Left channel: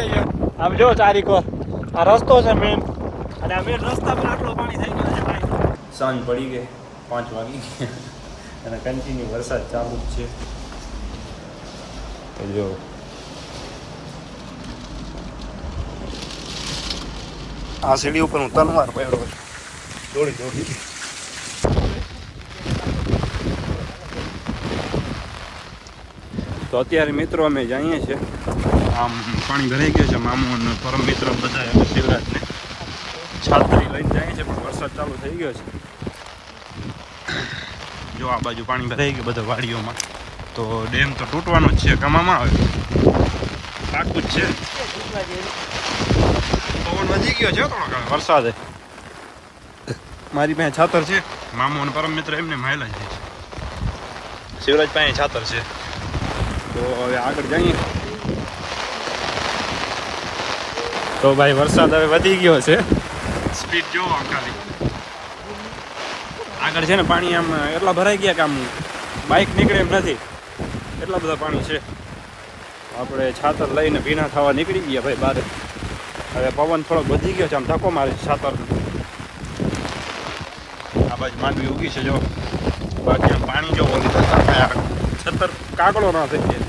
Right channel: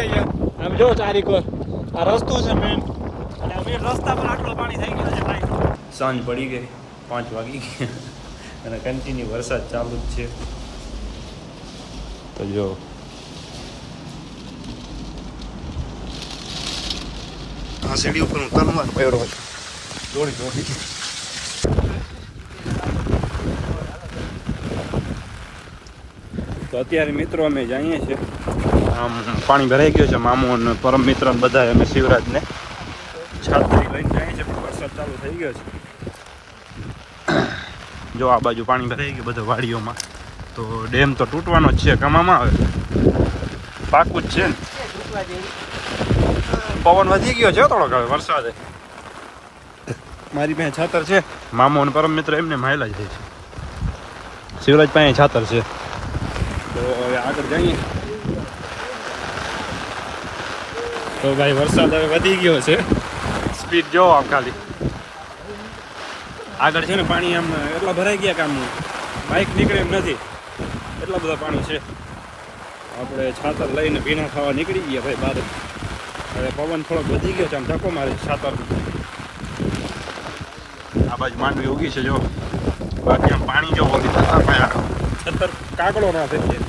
છે અહીંયા. આમ જો ચારીકો આ રસ્તો છે મેન, અને આ મેન રસ્તા પર આટલું પાણી થઈ ગયું છે ભાઈ. સાંજ પડી ગઈ, 5 વાગી ગયા અને કન્ટિન્યુ વરસાદ ચાલુ જ છે. તો જો આ સીડી ઉપર હું 3 વાર પડ્યો છું દોડી દોડી. તો અત્યારે મિત્રો અમે જઈએ છીએ, આમ પાણી ભરાઈ ગયું છે. મામુ અને પરમ મિત્ર બધા એમ શિવરાજને છાત્રી લઈને જાય છે, પણ વરસાદ ચાલુ થઈ ગયો છે. જો આ બાજુ પાણી ભરાઈ ગયું બધા વાડીઓમાં, તો ડેમ તો તૂટવાનો જ છે. કમામાં આવે પાકું જ છે. પવન વધી ગયો છે થોડોક હવે વરસાદે. મારી પાસે છાતર છે, મામુ અને પરમ મિત્ર એમને માયલા જાય છે. શિવરાજ પાસે છાતર છે. તો હવે આગળ જઈએ. તો ભાઈ વરસાદ હવે વધી ગયો છે, સ્પીડ જોવો આમ ખાલી. આગળ છે ને પાણી આમ એટલા ભરાઈ ગયા કે આમ બાઇક નીકળે એમ નથી, એટલા બધા પાણી છે. આપણે છાતર લઈને ભીના થવા નીકળી ગયા ભાઈ બહાર. હવે પવન થોડોક વધી ગયો છે, આમ ધક્કો મારે છાતર. આ બાજુ માંડવી ઉગી છે જો, બાકી આમ પાણી જો ઓલી છતર કાકડો ન થઈ જાય.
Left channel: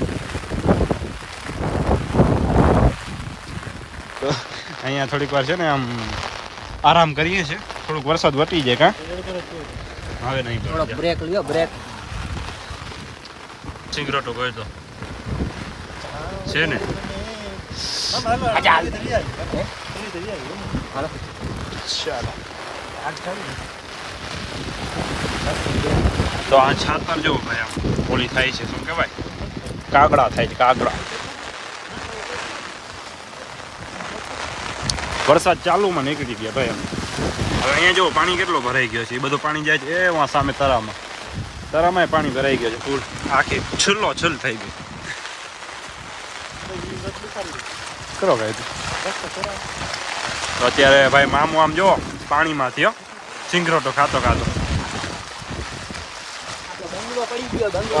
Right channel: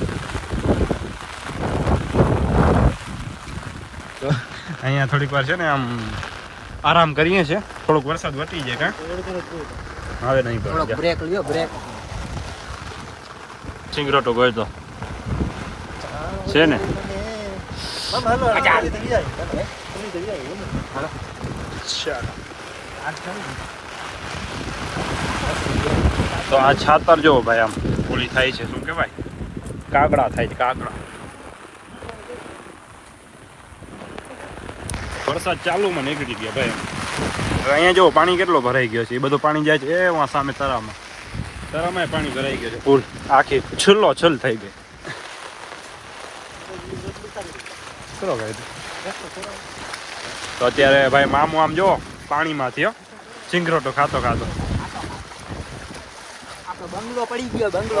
અહીંયા થોડીક વાર છે ને આમ આરામ કરીએ છીએ, થોડોક વરસાદ વટી જાય. કા હવે નહીં પડે, બ્રેક લ્યો, બ્રેક સિંગરોટો ગયો તો છે ને. તો આ છાતર જોવો ભાઈ, આમ ઓલી થાય છે, શું કહેવાય, કાગડા થાય છે, કાગડા. વરસાદ ચાલુમાં નીકળી ગયા ભાઈ. એમ હવે અહીંયા જો પાણી કેટલો ભરાઈ ગયો છે. એ બધું પાણી જાય છે એ વાં સામે તરામાં. તરામાં પાણી ભરાઈ ગયો છે ફૂલ, આખી છલ્લો છલ થઈ ગઈ. કરો ભાઈ. તો અત્યારે ભાઈ મામુ આમ જો પાણીમાંથી સિંગરોટો ખાતો ખાતો.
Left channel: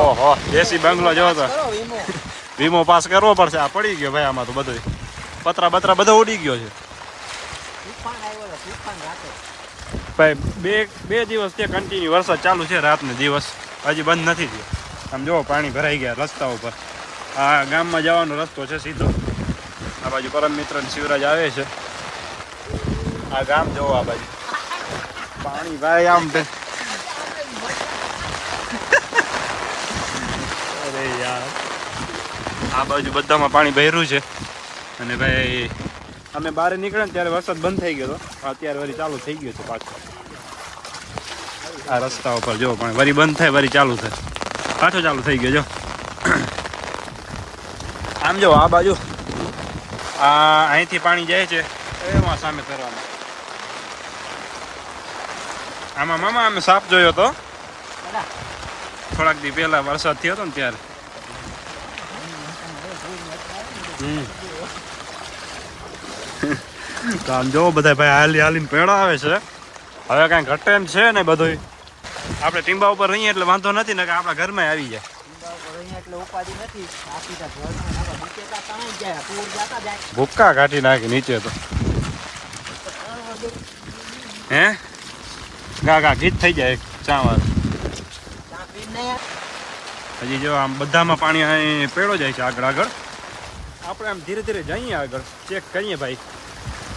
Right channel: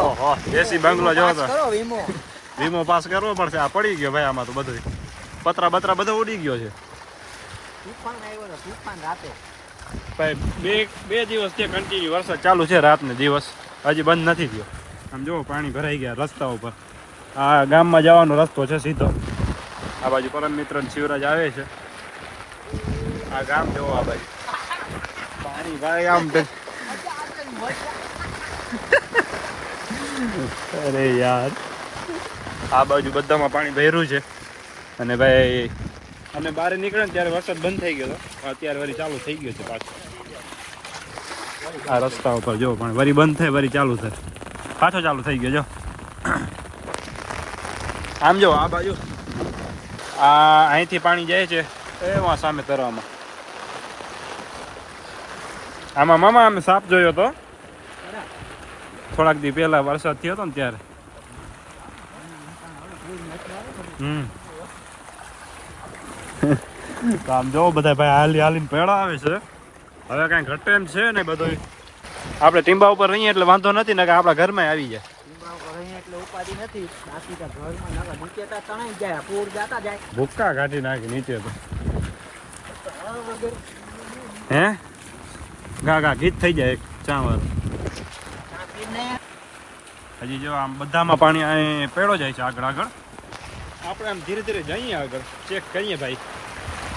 ઓહો, દેશી બંગલો જોવો તો વીમો પાસ કરવો પડશે. આ પડી ગયો ભાઈ, આમાં તો બધું પતરા બતરા બધો ઉડી ગયો છે ભાઈ. બે દિવસ થી કન્ટિન્યુ વરસાદ ચાલુ છે, રાત ને દિવસ, હજી બંધ નથી થયો. આમ જો પાણી ભરાઈ ગયા રસ્તા ઉપર. આ ગામમાં જવાનો રસ્તો છે સીધો. આ બાજુ પરમ મિત્ર શિવરાજ આવે છે. આ ગામ જોવો, આ બાજુ પાણી ભાઈ આમ. અરે યાર, આ બાજુ બધામાં પાણી ભર્યું છે. અને ભાઈ અમે બહાર નીકળ્યા ને ત્યારે વરસાદ બંધ થઈ ગયો હતો, અત્યારે વળી ચાલુ થઈ ગયો છે પાછો. આ રસ્તા ઉપર જો પણ વળી બંધ થાય વળી ચાલુ થાય, પાછો ચાલુ થઈ ગયો જો. આમ જો આ બાજુ આ અહીંથી પાણી જાય છે એમાં સામે તરામાં. આમાં મામા અમે સાપ જોયો હતો થોડાક દી પહેલા, વરસાદ થયો હતો ને ત્યારે. તો આમ જોવો બધા ભાઈ હાલી હાલીને પેડા આવે છે. હવે કાંઈ ઘટે એમ છે ને બધું. આપણે ટીંબા ઉપર રહીએ એટલે વાંધો નથી ને, કે આપણા ઘરમાં આવી જાય. ભૂક્કા કાઢી નાખી નીચે તો. હે ગા ગા ગીત થઈ જાય ચાવાર. હજી જો આમ બધામાં પાણી અહીં પેડો જાય છે આગળ આગળ. આપણે આમ ધીરે ધીરે જઈએ આગળ, ચેક કરીએ ભાઈ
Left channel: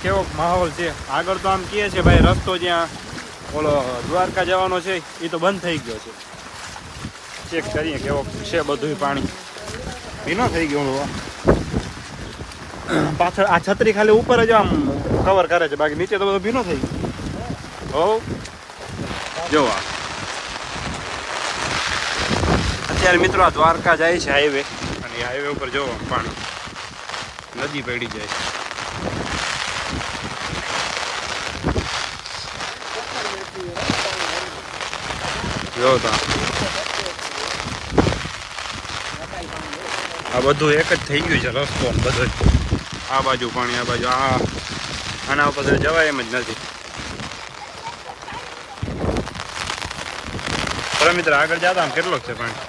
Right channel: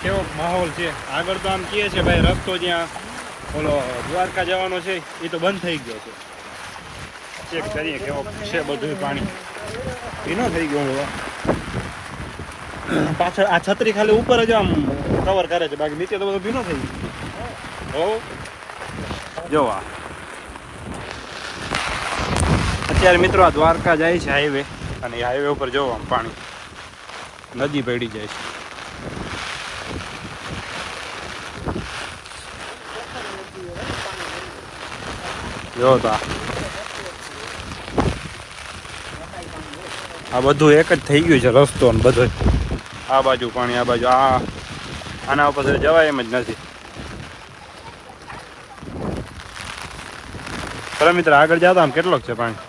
કેવો માહોલ છે આગળ. તો આમ કહે છે ભાઈ રસ્તો જ્યાં ઓલો દ્વારકા જવાનો છે એ તો બંધ થઈ ગયો છે. ચેક કરીએ કેવો છે બધું. પાણી ભીનો થઈ ગયો. પાછળ આ છત્રી ખાલી ઉપર જ આમ કવર કરે છે, બાકી નીચે તો બધું ભીનો થઈ ગયો. જોવા અત્યારે મિત્રો આ દ્વારકા જાય છે હાઈવે, અને હાઈવે ઉપર જોવો આમ પાણી નદી પડી જાય છે. જો તો આ બધું એક જ થઈ ગયું છે રસ્તો ને બધું. આ બાજુ પાણી, આ બાજુ આના ઉપર જવાય એમ જ નથી. બરાબર મિત્ર, આગળ જતા આમ કેટલોક છે પાણી.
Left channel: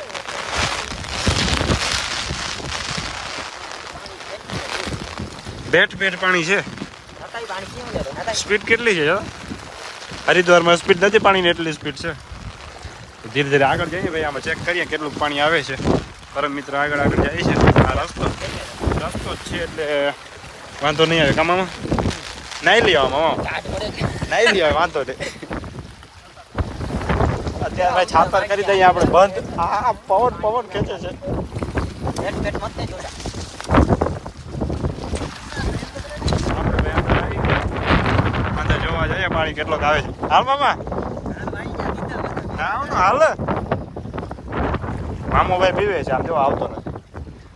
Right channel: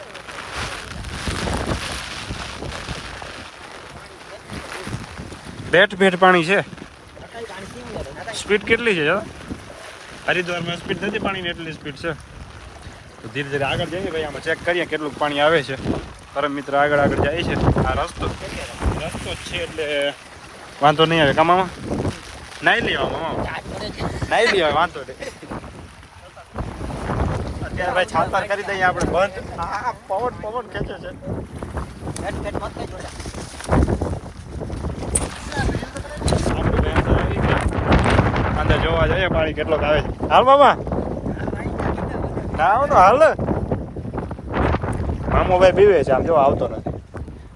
ભેટ પાણી છે. સ્પીડ કેટલી છે જરા? હરિદ્વારમાં સ્પીડ નથી પાણીની, એટલી સ્પીડ છે. તો ધીરે ધીરે આગળ જઈએ ભાઈ, આમાં ચેક કરીએ કેટલું પાણી આવે છે. પરમ મિત્ર આગળ જાય છે. આ રસ્તો જ છે એટલે વાંધો નહીં આવે. કામામાં નાઈ લઈ આવા મામા, નાઈ લઈ આવે, વાંધો નહીં. અત્યારે ભાઈ છાતર કરી દઈએ આપણે બંધ. આ પવન ખેંચે છે. અંદર જોવા જઈએ પાણી કેટલોક આવે છે. હાલ મામા, ના આવો તો હાલ ને. મામો ભાઈ પીવે છે, આમ જો આવતો નથી.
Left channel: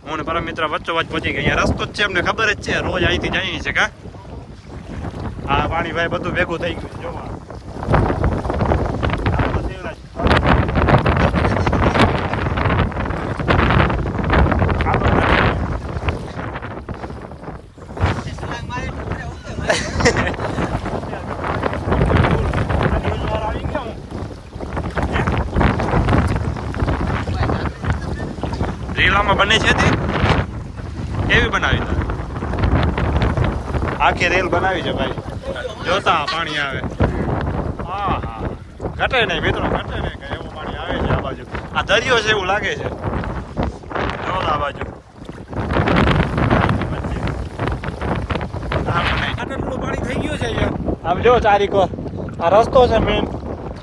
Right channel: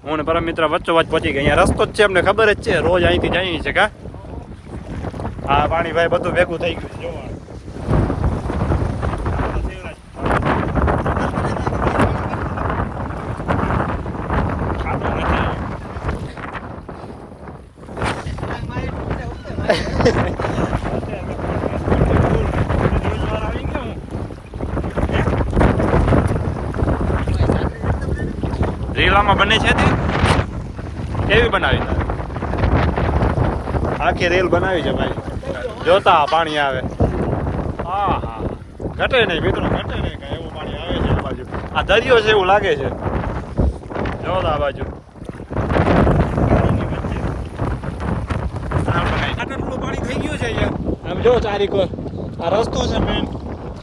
હું ને પરમ મિત્ર વચ્ચોવચ્ચ પહોંચી ગયા. અહીંયા રસ્તો જ છે, અમને ખબર જ છે, રોજ અહીંથી જઈએ છે. કા આ પાણી ભાઈ બધું ભેગું થઈ ગયું છે. જોવા રેલામાં બને છે તે કેવી બનાવી? આખી રેલ બનાવી છે ભાઈ. જોતા પાણી આવે. હા હા, ઘટે નહીં મિત્રો, ઘટે નહીં કાંઈ. એવું પાણી આવે છે આ બાજુ. આ દરિયો છે એવું લાગે છે. જોતા આ બાજુ આટલું પાણી થઈ ગયું છે અહીંયા. આમ જો ચારીકો આ રસ્તો છે મેન,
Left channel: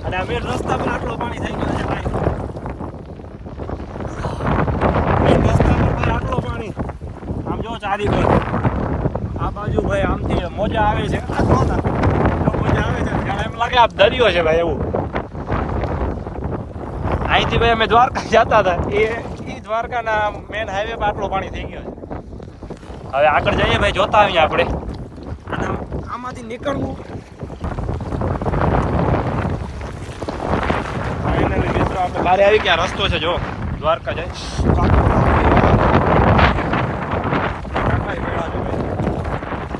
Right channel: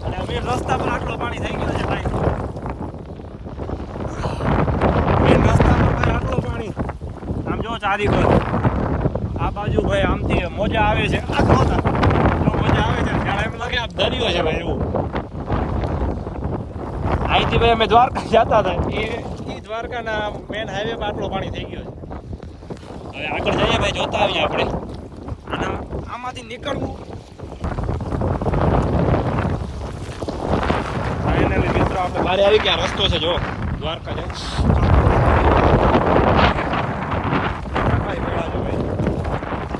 અને આ મેન રસ્તા પર આટલું પાણી થઈ ગયું છે ભાઈ. ચારી બાજુ આ બાજુ ભાઈ આમથી મોજા આવે છે. જો મોજા આવે છે ત્યારે એમ લાગે આ દરિયો છે ભાઈ. એવું અહીંથી ભાઈ અમે દ્વારકા જતા હતા, એ દ્વારકાના મેન હાઈવે પર આટલો પાણી થઈ ગયો છે. હવે આગળ જઈએ ભાઈ, જોતા આવીએ આપણે. અને આમાંથી નીકળવું ફાઇનલી મિત્રો આપણે બહાર આવી ગયા. રસ્તો છે જો દ્વારકા જાય.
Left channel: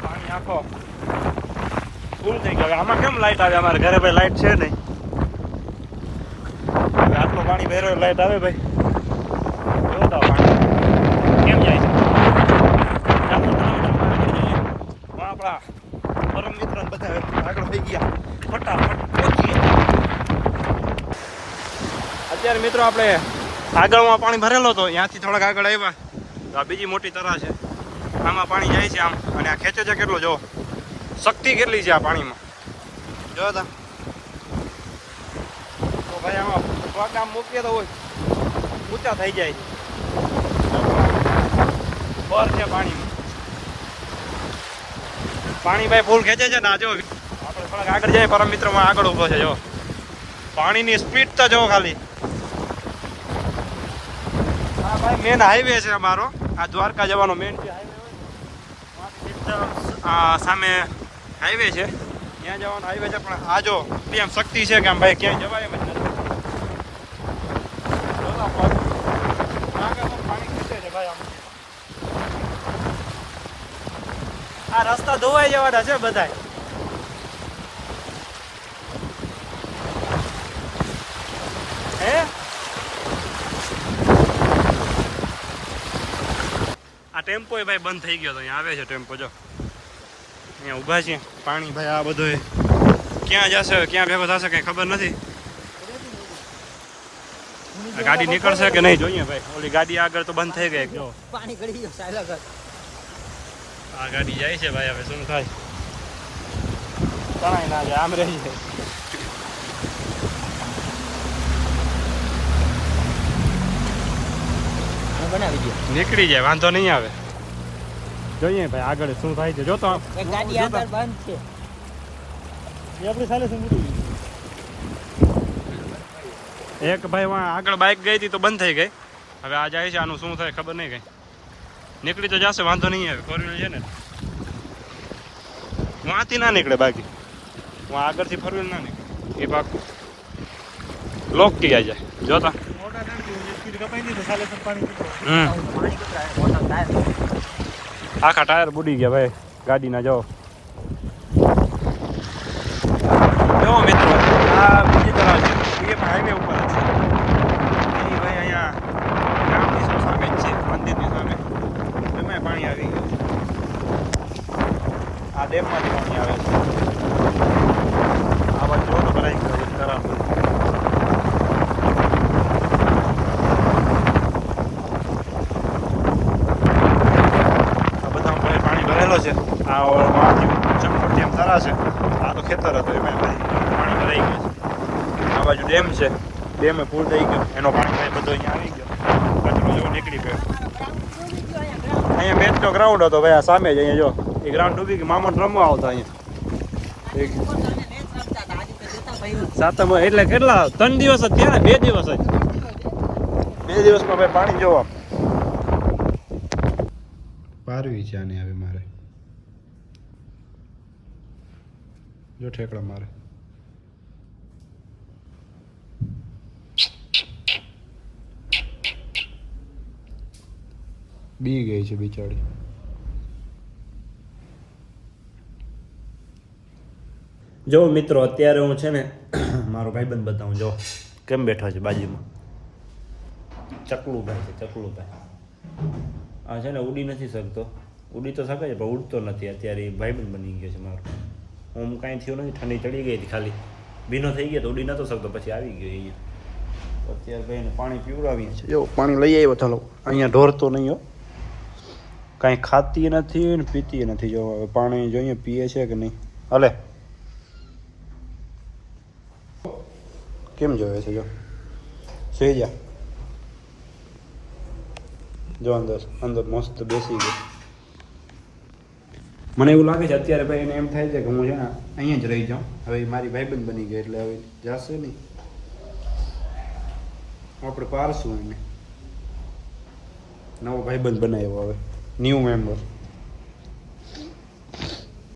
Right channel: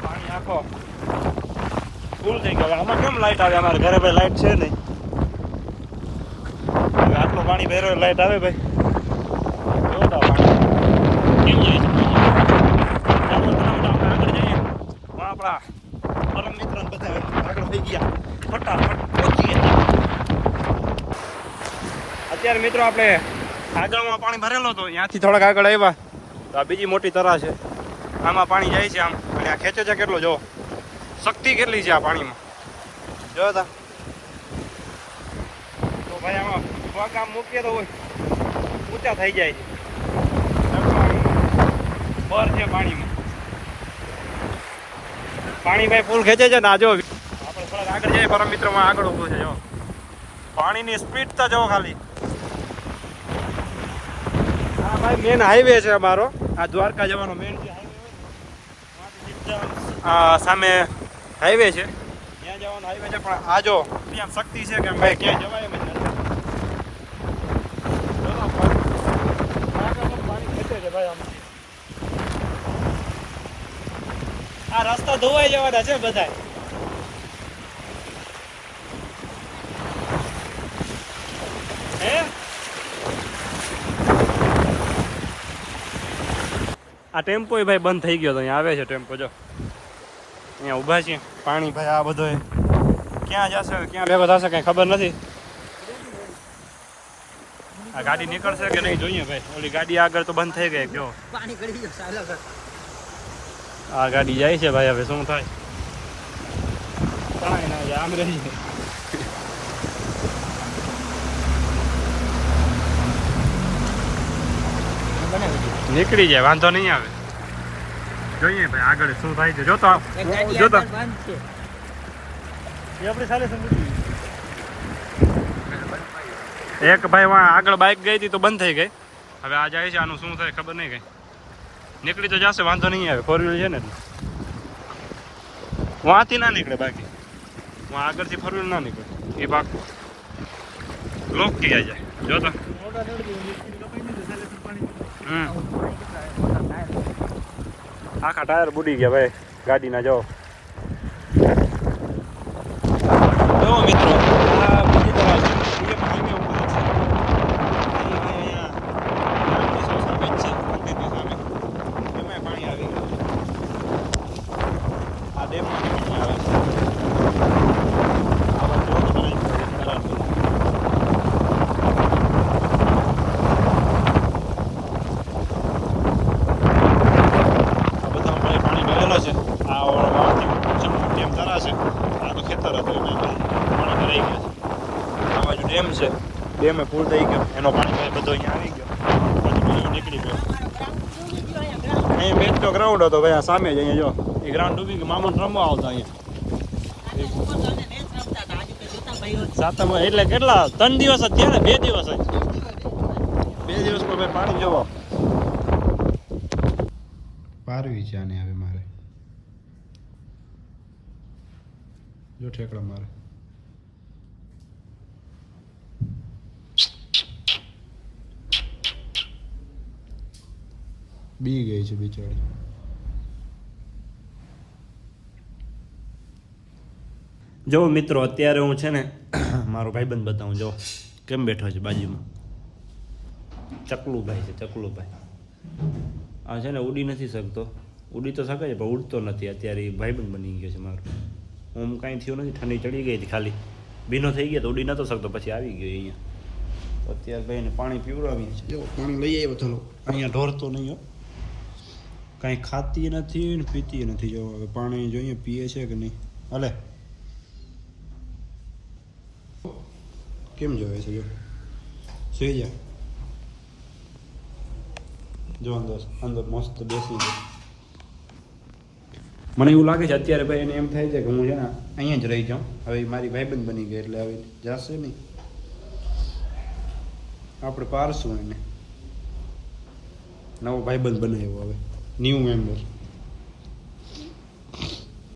પાણી આખો ફૂલ થઈ ગયો. આમાં કેમ લાઈટ આવે? અમારે ઘરે ભાઈ લાઈટ છે નહીં. હવે આટલું પાણી ભેરો લાઈટ આવે ભાઈ. જોતા પાણી કેમ જાય છે. આપણા પરમ મિત્રો બધા આગળ થઈ ગયા, ફટાફટ પહોંચી ગયા. અત્યારે મિત્રો આપણે આગળમાં પાણી ભરેલો હતો, ત્યાંથી થોડાક આગળ આવ્યા તો આ બીજી મોટી તરા છે. આમાં પાણી જાય છે આમ, અને આ ખેંચે છે કેટલો જો, શક્તિ કેટલી છે આ પાણીમાં. જો તા તો ભાઈ આમાં પગ આમ મૂકીએ તો ઊંચા થઈ જાય છે. બર છે પાણીમાં. પાણી ભાઈ ફૂલ ખેંચે છે ને. આ જો આપણે થોડાક આગળ જઈએ, પરમ મિત્રમાં આગળ ઊભો છે. જો પાણીની સ્પીડ તો જો ખાલી. આ ભાઈ મેન હાઈવે છે અમારો, આ દ્વારકા જવાનો મેન જે હાઈવે હોય ને, સામે હાઈવે છે, ત્યાં જવાનો હાઈવે છે. પણ આ જો એમ શક્તિ છે કે આમ ભાઈ ક્યાંય જવાય. આ રસ્તા ધોવાઈ જવાના છે બધા. હે આ ટેમ્પો ભાઈ બંધ થઈ ગયો તો અહીંયા આવે છે ટેમ્પો. જો અહીંયા ઊભા છે. પાણી ભાઈ આ બધો ક્યાં જશે, ક્યાં ભેગો થશે કઈ ખબર નથી. આ ગાડી નીકળશે કે નહીં જોઈએ ભાઈ. ઓલી ગાડી આગળ તો બંધ થઈ ગઈ. જો પાણી ગળી ગયો. આ ગાડી જાય છે ભાઈ. હવે શું થાય? તણાઈ ના જાય, આમ રહી. નીકળી જાય, વાંધો નહીં આવે. જોઈએ ભાઈ આગળ શું થાય છે. જોતો જોતો એક ભાઈ આગળ બાઇક ગઈ હતી તો બંધ થઈ ગઈ. હવે આ જાય છે, આનું શું થાય ખબર નહીં. કઈ નીકળી તો જશે, વાંધો નહીં આવે. ફોર વ્હીલ છે ને, વાંથી ના નીકળે. બાકી આગળથી ફોર વ્હીલ ના નીકળે. એ ભાગ લોક થઈ જાય. જોતા આખા ટાયર બુડી ગયા ભાઈ ગાડીના. જો મિત્રો, આ બીજી તરફ છે, એ પણ હાઈવે ઉપર છે. એ ભાઈ અહીંયા ગામની સામે જ છે, મંદિરની સામે. એમાં પાણી આવી ગયું. ડેમમાંથી પાણી આવે છે. આ બાજુ જો તો ભરાઈ ગયું તરાણ બધું. આ બધામાં ઘરે પાણી ભરેલો છે. આ મોટી એમ તરા છે. આ તો ખેતર હતો એમાં પાણી ભરાઈ ગયું છે. આ બાજુ ડેમ છે. ડેમે ફૂલ થઈ ગયો. એનો પાણી બધો અહીંયા આવી ગયો. કચરો જેવો નીકળી ગયો. અહીંયા મેચ નો ગ્રાઉન્ડ હતો ભાઈ. આ સામે જ અહીંયા જો એ ગ્રાઉન્ડ ડૂબી ગયું. મામૂન રમવા આવતા અહીંયા સાતમ એટલે કેટલા 3 દિવસ જ થયા ને 2 દિવસ જ. 2 દિવસમાં ભાઈ પાણી જોવા પારવી છે આને. હવે મારે જો ઠેકડા મારે. બી ગઈ છે બિચારી. જો મિત્રો અત્યારે હું છે ને મારો ભાઈબંધ બતાવું. જો કેમ બેઠો છે બાજુમાં. ચકલુભાઈ છે. ચકલુભાઈ આ છે ને ઉડી નથી શકતો. ઉડી તો શકે છે પણ ઉડતો નથી. અત્યારે એ ભાઈબંધ બની ગયો છે મારો. હું કાંઈ થયું નથી. ઠંડી ચડી ગઈ હતી ખાલી. ભીનો થઈ ગયો તો ઉડી નતો શકતો. પછી આવી ગયો અહીંયા. અત્યારે ભાઈને પાણી પીવડાવીએ છે. જો પાણી લઈ આવ્યો. ચાલો અહીંયા ઢોરતો નહીં હો. કાંઈ ખાતી નથી ને પીતી નથી. જો હવે પાણી જોઈએ પીએ છે કે નહીં. હલે કેમ જોવે છે. જો સુઈ જા. જો અંદર અંદર મસ્ત બેસી ગયો. મને એવું લાગે છે અત્યારે ભાઈ એને એમ થાય છે કે હું છે ને અહીંયા જ રહી જાઉં. હવે મારી ભાઈબંધ બની ગઈ એટલે હવે જશે નહીં. આપણે પારશું એને. નવો ભાઈબંધ બનાવ્યો હવે. New member.